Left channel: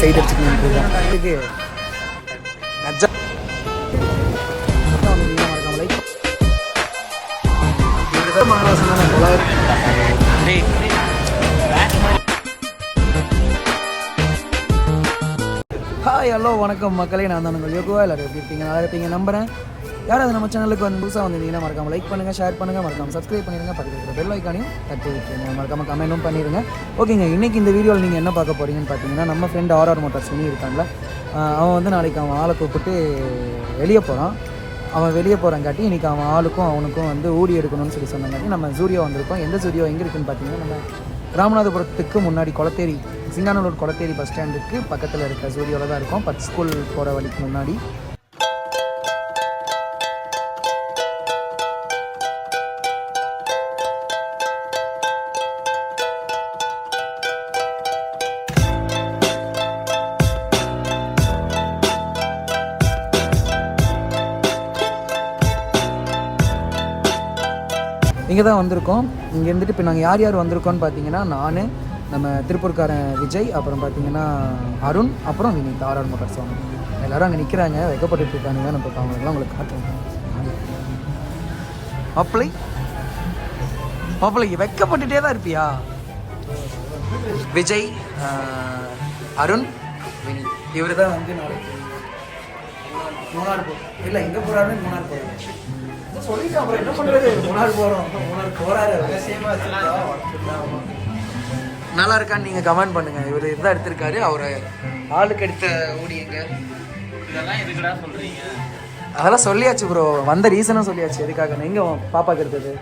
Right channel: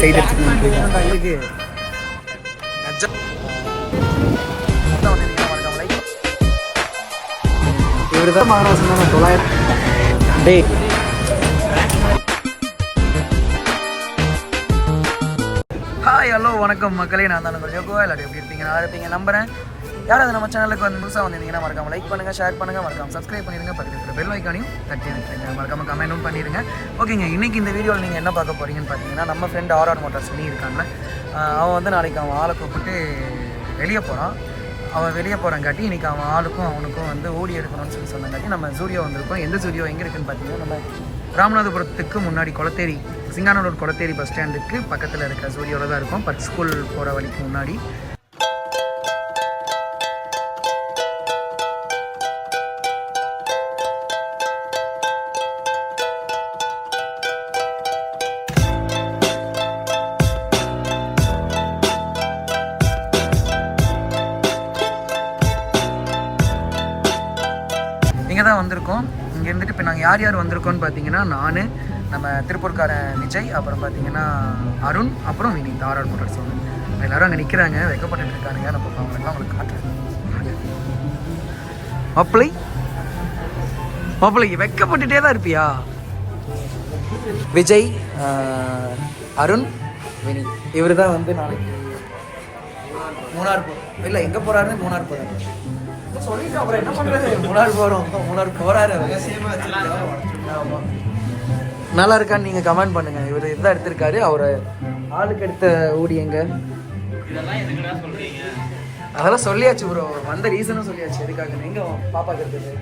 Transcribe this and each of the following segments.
Side அடிச்சுக்கணும் இது இவருதான் மகாராசன் தானே 900 hi hello வணக்கம் மக்களே, நான் தான் உங்கள் யோகுவா. எல்லாரும் எப்படி இருப்பீங்க? நல்லா இருப்பீங்க நம்புறேன். யாராவது நம்ம சேனலுக்கு வந்து புதுசாக வந்திருந்தீங்கன்னா மறக்காம லைக் பண்ணுங்கள், ஷேர் பண்ணுங்கள், மறக்காம சப்ஸ்கிரைப் பண்ணிடுங்க. பக்கத்தில் இருக்கிற பெல் ஐக்கானையும் தட்டி விட்டுருங்க. மறக்காம கமெண்ட்டும் பண்ணிடுங்க. ஓகேங்க, இன்றைக்கி இந்த வீடியோவில் நீங்கள் என்ன பார்க்க போகிறீங்கன்னு பார்த்தீங்கன்னா, நம்ம ஃப்ரெண்ட் ஆர்ஆர் மோட்டார்ஸ் சொல்லி இருக்காங்களே, அவன் வந்து நாளைக்கு அவன் ஆளை கூப்பிட்டு வெளியே போகிறான். அவன் வெளியே போகிறாங்காட்டி இன்றைக்கி அவன் ஆளுக்கும் அவனுக்கும் வந்து ஊடி எடுக்கணும்னு சொல்லி சொன்னாங்காட்டி நம்ம ஜூரியோ வந்திருக்கோம். எந்த ஜூரியோ எங்கே இருக்குதுன்னு பார்த்தீங்கன்னா, ராமநாதபுரத்துக்கு முன்னாடி கொளத்தேரி, சிங்கானூர் கொளத்தேரி பஸ் ஸ்டாண்டுக்கு பக்கத்தில் இருக்கிற ஜூரியோவில் தான் இருக்கும். பட் ஸ்கூல் போகிற வழிக்கு முன்னாடி. இங்கே தான் வந்திருக்கோம். இங்கே இருந்துட்டு இப்போ நாங்கள் யார் யார் வந்திருக்கோன்னு பார்த்தீங்கன்னா, நான், நம்ம திருப்பூர்காரன் விஜய், அப்புறம் பார்த்தீங்கன்னா அருண், அப்புறம் வினித், ஆர்ஆர் மோட்டார்ஸ். எல்லோரும் அங்கே நிற்கிறாங்க, வைக்கப்பட்டு இருக்கானுங்க. நம்ம அவங்களெல்லாம் உங்களுக்கு காட்டுறேன். மாப்பிள்ளைக்கு வைக்கப்பட்டுட்டே தான் இருப்பியா? விஜய், அருண், வினித், இவர் தான் வந்து நாளைக்கு மூணார் இல்லை எங்கே போகிறாருன்னு மூணார் போகிறாரு சொல்லிட்டு அப்புறம் என்ன பண்ணுறது, மூணார் போகிறோம், மூணார் போகிறாரு. நல்லா இருக்கான்னு நீங்கள் கமெண்ட் பண்ணுங்கள். இவர் இதுதான் எடுத்திருக்காரு. அவர் ஆளுக்கு எடுத்த ஊடியங்க அதெல்லாம் சொல்லியாச்சு ப்ரோ. வந்த ரீசனும் சொல்லியாச்சு எதுக்காக. எங்கே பாப்பாக்கு எடுத்தது?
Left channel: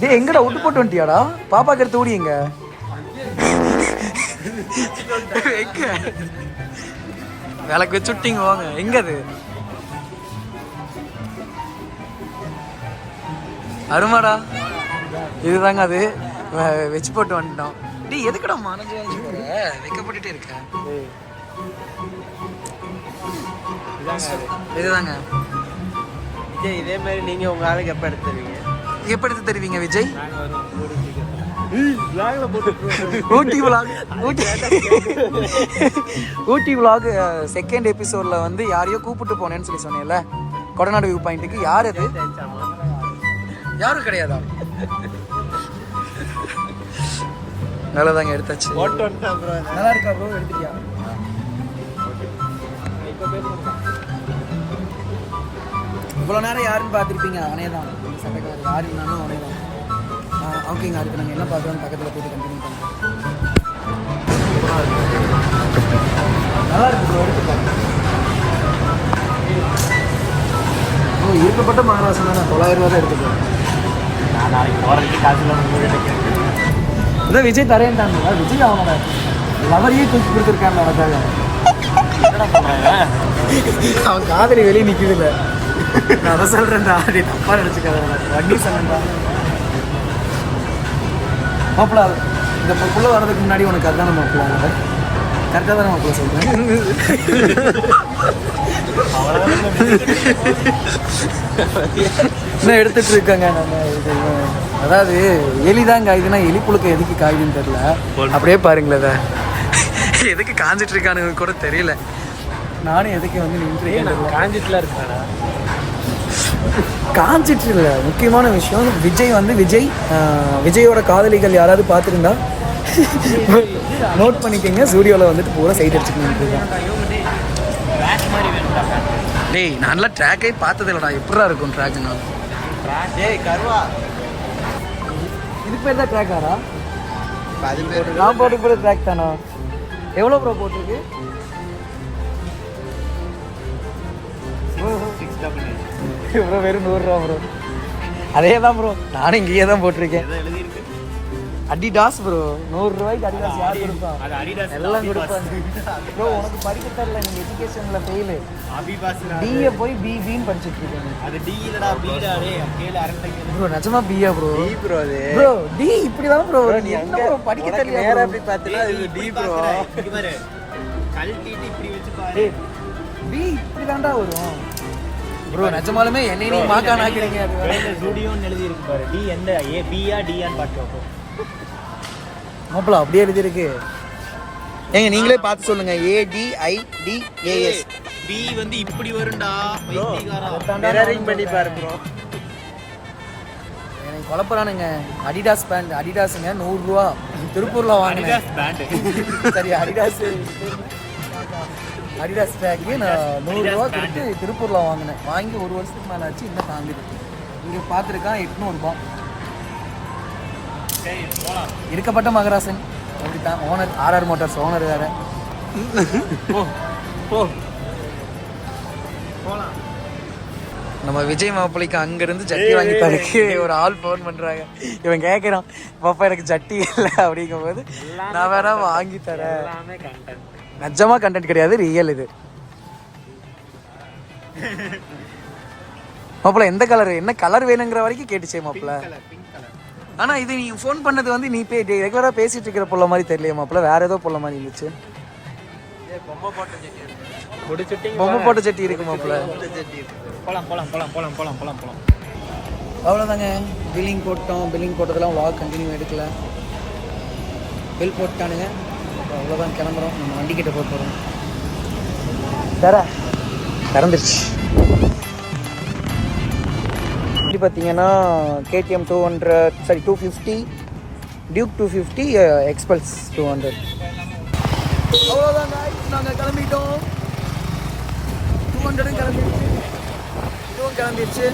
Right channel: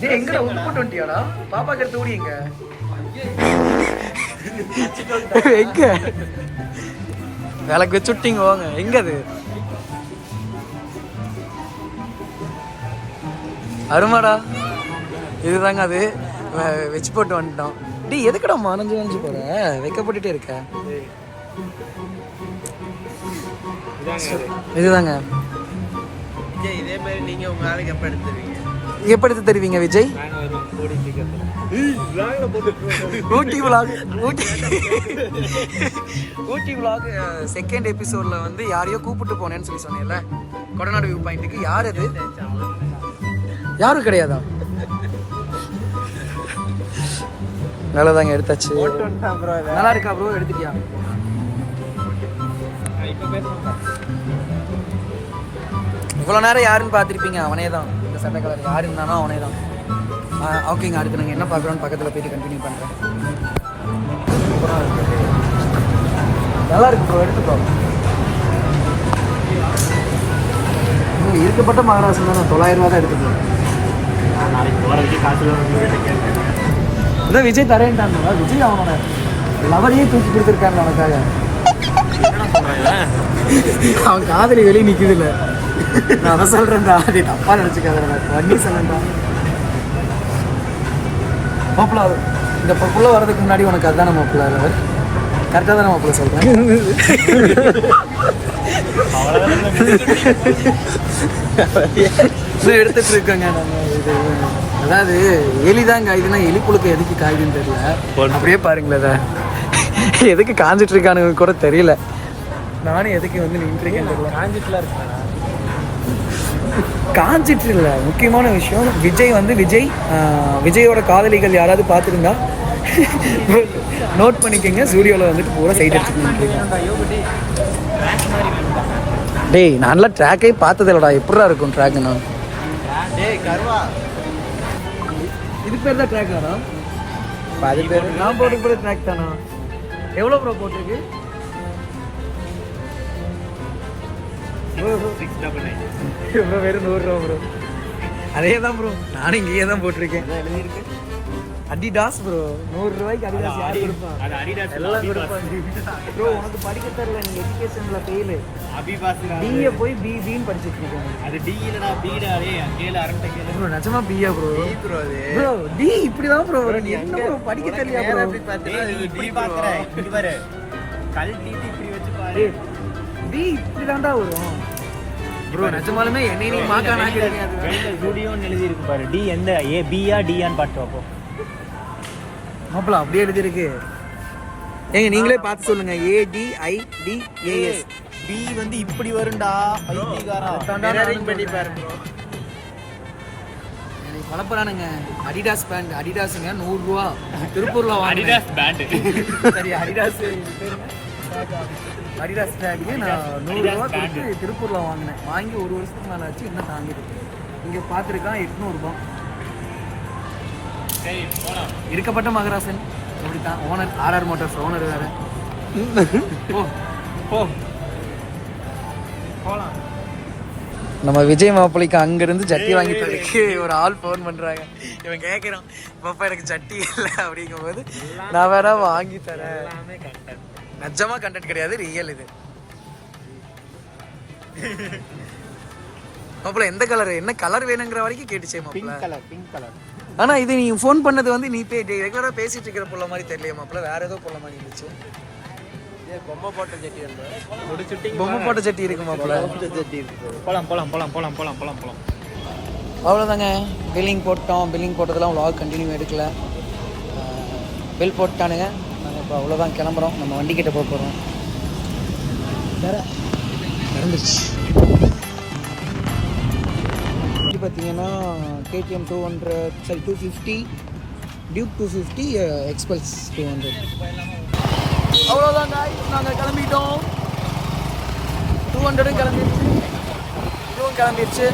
டே எங்கடா விட்டு போட்டு வந்துட்டியாடா? பாப்பாக்கு எடுத்த ஊடி எங்க? எங்க வேலைக்கு வச்சு விட்டீங்க வாங்க. எங்க அது? அருமாடா, இதுதாங்க அது. வச்சு போட்டு வந்துட்டோம். டி எதுக்கடா மானஞ்சு வைக்கப்பட்டுட்டே இருக்க? இதுதாங்க. இதே மாதிரி நீங்க உங்க ஆளுக்கு எப்ப எடுத்து தருவீங்க விஜய்? ஊட்டி விலாக் செகண்ட் எபிசோட்ல வந்து யாரையோ கூப்பிட்டு போனேன்னு சொல்லி சொன்னேன்ல, கொடநாடு வியூ பாயிண்ட்டுக்கு. யார் அது? யாரும் கிடையாதா? நல்லதாங்க, எடுத்தாச்சு. நல்லா இருக்கா ப்ரோ? எடுத்துட்டியா? இவ்வளோ நேரம் யாருன்னு பார்த்துருப்பீங்க, அவனே தான். இந்த சட்டை கலர் யாரு இருந்தானோ அவனே தான். ஓகேங்க, அடுத்து நாங்கள் என்ன பார்க்குறோன்னு பக்கத்தில் போயிட்டு கண்டினியூ பண்ணுறேன். நல்லா இருக்கு ப்ரோ, எடுத்து பாருங்க. இருக்கப்பட்ட மகாராஷ்டிரா தான் 900 ரூபா தான் எடுத்துட்டு. நாளைக்கு போகிறதுக்கு காசு இதான் விஜய் தரேன்ட்டாங்க. விஜய் அவனோட லவரையே தூக்கி கொடுத்துருக்காங்க அவனுக்காக. அவன் காதலி வெளியே நிற்குது இல்லை. நான் அதை சொல்கிறேன்டா, அது தப்பாக நினச்சிக்காத. வண்டி சொன்னேன்டா மாப்பிள்ள. இந்த புள்ள வர்றதுக்கு முன்னாடி உனக்கு அதுதான் மாப்பிள்ள. கரெக்டாக தானே மாப்பிள்ள சொல்கிறேன். இன்னும் எடுத்துட்டு இருக்காங்க நம்ம. இது அதாவது எலிதான் காய்துன்னா எலிப்புழுக்கு எதுக்கு காய்துன்னு தெரியல. அப்படியே பாருங்களேன், எதுக்கு காஞ்சிட்டு இருக்கானு கூட தெரியல. நானும் எதுக்கு வந்து நின்றுருக்கேன் தெரியல. காஞ்சிட்டு இல்லை. முக்கியமான விஷயம், விஜய் வந்து விஜயோட காதலிகள் யாராவது பார்த்துருந்தா நோட் பண்ணிக்கோங்க. ஸ்டூடியோவில் வந்துட்டு பூரா சைட் அடிச்சுட்டு நின்றுருக்கான். டேய் நல்லா ட்ராக்கே பார்த்தது இல்லைடா. எப்படா இருக்கும் ட்ராக்குண்ணா? இதுக்கு பேர் தான் ட்ராக் ஆனா? நான் போட்டு கூட ட்ராக் தானா? எவ்வளோ ப்ரோ போட்டிருக்கு? 699 ப்ரோ. வெறும் 100 ரூபா ப்ரோ. அதே தான் ப்ரோ, நானும் இங்கேயே தான் போட்டிருக்கேன். எழுதியிருக்கு அடிடாஸ் ப்ரோ. 100 ரூபாய்க்கு அடிடாஸ் யார் கொடுப்பா? அது அடிடாஸ் எல்லாம் ப்ரோ. உனக்கு படிக்க தரல, நீ எஜுகேஷன்ல ஃபெயில். அபிபாஸ்ரா பிஏ போய் பின்னு படிச்சிட்டு இருக்கீங்க. அது டி இல்லடா, பிடா. டேய் கேள அரண்ட கேளு ப்ரோ. நிஜமா பிஏ ப்ரோ. டி ப்ரோ. அது ப்ரோ டி இப்படி தான் ப்ரோ. என்ன ப்ரோ படிக்க தெரியல ப்ரோ? அப்படி பாத்தீங்க இது டி ப்ரோ. இங்க பாரு, கல்டிட்டி இப்படி வெச்சு பாரு. டி இப்படி தான்டா வரும் ப்ரோ. நிஜமாலுமே என்னைய மார்க் ஆனாக்கிறாங்க. வெளில ஸ்டுடியோன்னு எழுதி இருக்கு பாரு. டி எந்த ஏ பியா டியான்னு பாத்து பாப்போம். மாப்பிள அப்படியே எழுதிருக்கு. ஏங்க நீங்களே பார்த்து சொல்லுங்க. ADIDAS. பி வந்து இப்படி வரும்டா. பண்ணி பாருங்க. வளர்ப்புறானுங்க. Adidas pant. அடிடாஸுங்க 100 ரூபா. திருப்பூர்ல அடிடாஸ் பேண்ட். சரி அடிடாஸ் அடிடாஸ் பேண்ட் 100 ரூபா கொடுத்து திருப்பூர்ல வாங்கினேன். வாங்கி 1 வருஷத்துக்கு மேலே ஆச்சு. இன்னும் தாங்கிருக்கு. இங்கே பார்த்துருக்கான் 800 ரூபா. சரி போலாம். இருக்கப்பட்ட மகராசன் அப்படித்தான். ஓனர் RR மோட்டார்ஸ் ஓனர் வேற. போலாம். நம்ம விஜய் மாப்பிள்ளைக்கு அங்கிருந்து சட்டி வாங்கி தரக்கு ஒரு ஆள் ஃபோன் பண்றாங்க. இவன் கேட்குறான், பாப்பா எனக்கு சட்டி இல்லை அப்படிங்கும் போது நான் வேற வாங்கி தரேன். நிஜமா கண்டென்ட் கிடையாது, ரியல் இது. மாப்பிள்ள எந்த கலர், என்ன கலர் வேணுங்கிற வரைக்கும் கேட்டுச்சே மாப்பிள்ள. Pink colour. ஆனா இது நீ ஃபோன் பண்ணது வந்து நீ ரெகுலரா பேசிட்டு இருக்கிற புள்ள மாதிரி தெரியலையே மாப்பிள்ள, வேற ஏதோ புள்ள மாதிரி இருந்துச்சு. பொம்மை போட்ட சட்டி இருக்கு. பொம்மை போட்ட சட்டி இருக்கு மாப்பிள்ள. போலாம் போலாம் போலாம் போலாம் போலாம் போலாம் போலாம். அவ்வளோதாங்க. பில்லிங் போட்டோம். பில்லிங் போட்டதெல்லாம் vlog கண்டினியூ எடுக்கல. பில் போட்டானுங்க. நாங்கள் இப்போ அவ்வளோதான் கிளம்புறோம். நம்ம வண்டிக்கிட்ட போக போகிறோம். திறந்துருச்சு. வண்டி பார்த்தீங்கன்னா KTM 250, டியூக் 250, எக்ஸ்பல்ஸ் 200. அவ்வளோதாங்க. நாங்கள் கிளம்பிட்டோம். 200 கிளம்பிடுச்சு, இதுவும் கிளம்பிடுச்சு.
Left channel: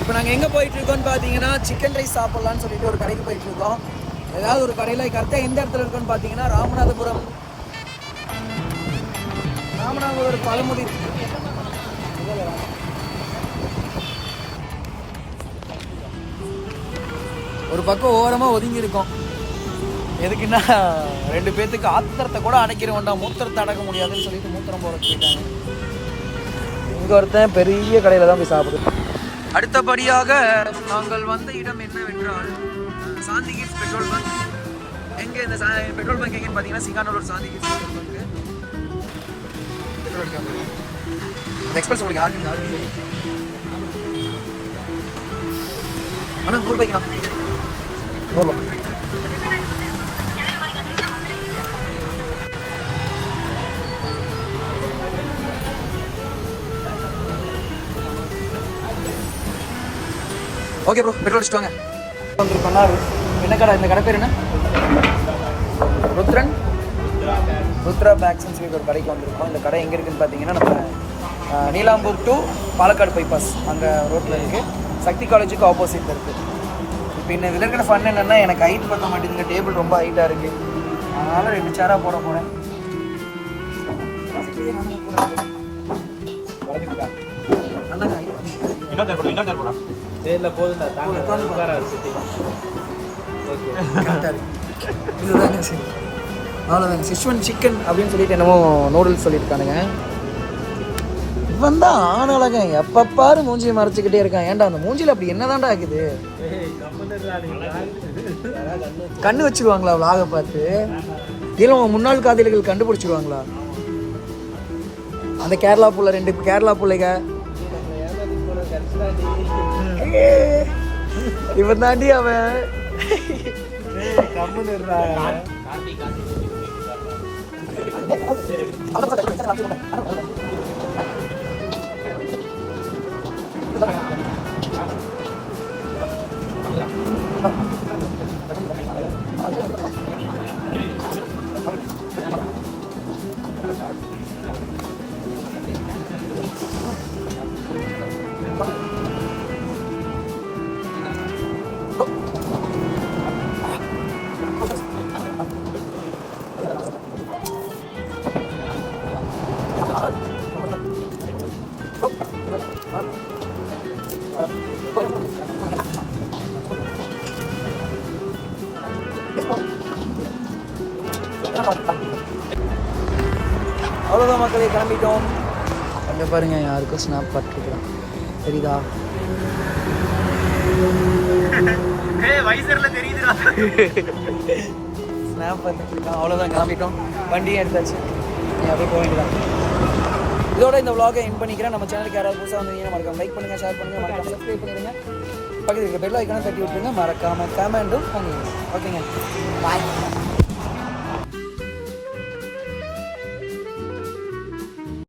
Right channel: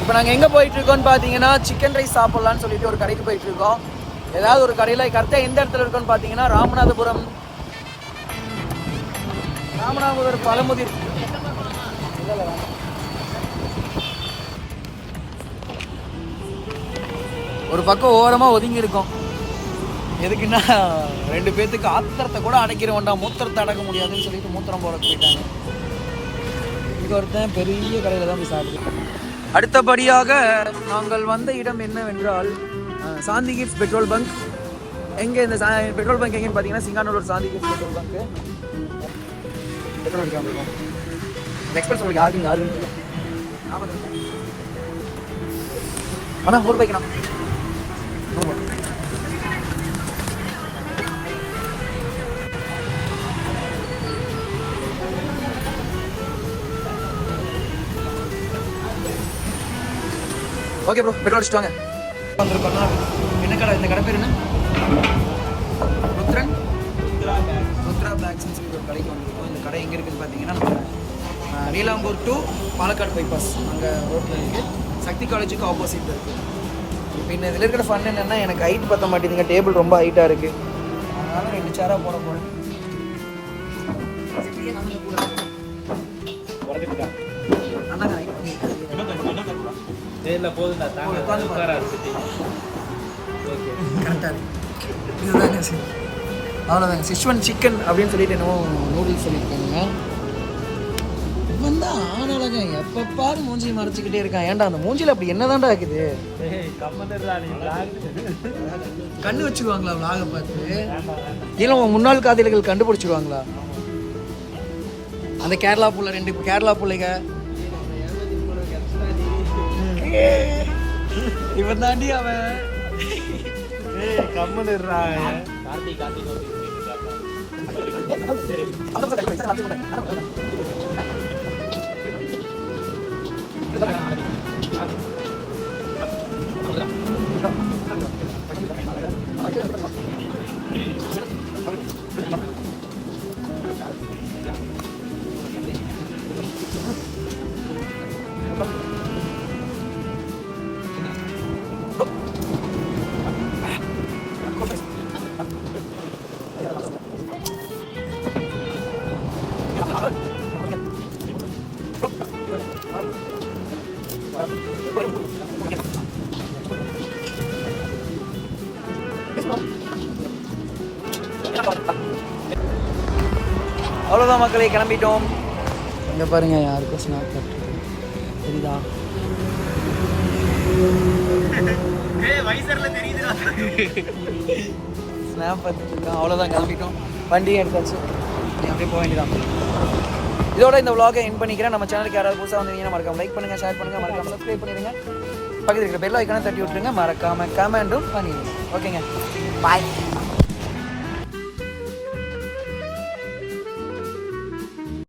இப்போ நாங்கள் எங்கே போயிட்டுருக்கோன்னு பார்த்தீங்கன்னா சிக்கன் ரைஸ் சாப்பிட்லான்னு சொல்லிட்டு ஒரு கடைக்கு போயிட்டுருக்கோம். ஏதாவது ஒரு கடையில் கரெக்டாக எந்த இடத்துல இருக்கோன்னு பார்த்தீங்கன்னா ராமநாதபுரம் பழமுதிர். ஒரு பக்கம் ஓரமாக ஒதுங்கி இருக்கோம். எதுக்குன்னா 2 பேர்த்துக்கு ஆத்திரத்தை கூட அடைக்கிற வேண்டாம், மூத்திரத்தை அடக்க முடியாதுன்னு சொல்லிட்டு மூத்திரம் போட போயிட்டாங்க. இங்கே ஒருத்தன் பெரிய கடையில் தான் போய் சாப்பிடுது. அடுத்தபடியாக நாங்கள் வந்த இடம் என்னவென்றால் சாந்தி கிட்ஸ் பெட்ரோல் பங்க். எங்கே இந்த பெட்ரோல் பங்க் எங்கேன்னு பார்த்தீங்கன்னா சிங்கானூர் சாந்தி கிட்ஸ் பெட்ரோல் பங்க். எக்ஸ்பிரஸ் உங்களுக்கு யாரு ஆனால் 100 ரூபாய்க்குண்ணா. ஓகே ப்ரோ, பெட்ரோல் அடிச்சுட்டு வந்திருக்கோம்னா என்ன கடை, இந்த கடை பேர் என்ன? ருத்ரா பேக்ஸ்ன்னு சொல்லி ஒரு கடைக்கு வந்திருக்கோம். இந்த கடை எங்கே இருக்குதுன்னு பார்த்தீங்கன்னா நம்ம நீலாம்பூர் டு பாலக்காடு பைபாஸ் அங்கே ரோட்டில் இருக்குது. சக்தி காலேஜுக்கு ஆப்போசிட்டில் இருக்குது. இப்போ இன்னும் இதில் இருக்கிற ஃபன் என்னென்னா எனக்கு ஹைட் பற்ற மாட்டேங்குதுங்க, டேபிள் ரொம்ப ஹைட்டாக இருக்குது. அதனால் 2 சேராக போட போகிறேன். போதுண்டா அவ்வளோதாங்க. சிச்சுவன் சிக்கன் அப்படின்னு சொல்லிட்டு என்னமோ நூடுல்ஸ் சொல்லியிருக்கானுங்க. இவன் தான் ஆனாலங்க எப்பப்பாரு மூஞ்சியை மறைச்சிக்கிட்டே இருக்கான். ஏன்டா அந்த மூஞ்சியில் அப்படி என்னதான்டா இருக்குது? கண்ணு வச்சுக்குவாங்களா விலாக பார்த்து? இல்லை உங்க முன்னாள் காதலிகள் கண்டுபிடிச்சிருவாங்களா? அந்த கேரளா புள்ள, 2 கேரளா பிள்ளைங்க இவன் தாண்டி அவன் அவ்வளோதான் மக்களே, கிளம்பிட்டோம். அங்கே பாருங்க, யாருக்கும் ஸ்னாப் பார்த்துருக்கோம், தெரியுதா? ஸ்னாப் பார்த்துருக்கோம். அவ்வளோதான், கிளம்பிட்டோம். வண்டி எடுத்தாச்சு, நீ அப்படியே போக வேண்டியதான். இதோட இந்த vlog எண்ட் பண்ணிக்கிறேன். நம்ம சேனலுக்கு யாராவது புதுசாக வந்தீங்கன்னா மறக்காம லைக் பண்ணுங்கள், ஷேர் பண்ணுங்கள், மறக்காம சப்ஸ்கிரைப் பண்ணிடுங்க. பக்கத்தில் இருக்கிற பெல் ஐக்கானை தட்டி விட்டுருங்க. மறக்காம கமெண்டும் பண்ணிடுங்க. ஓகேங்க, பாய்.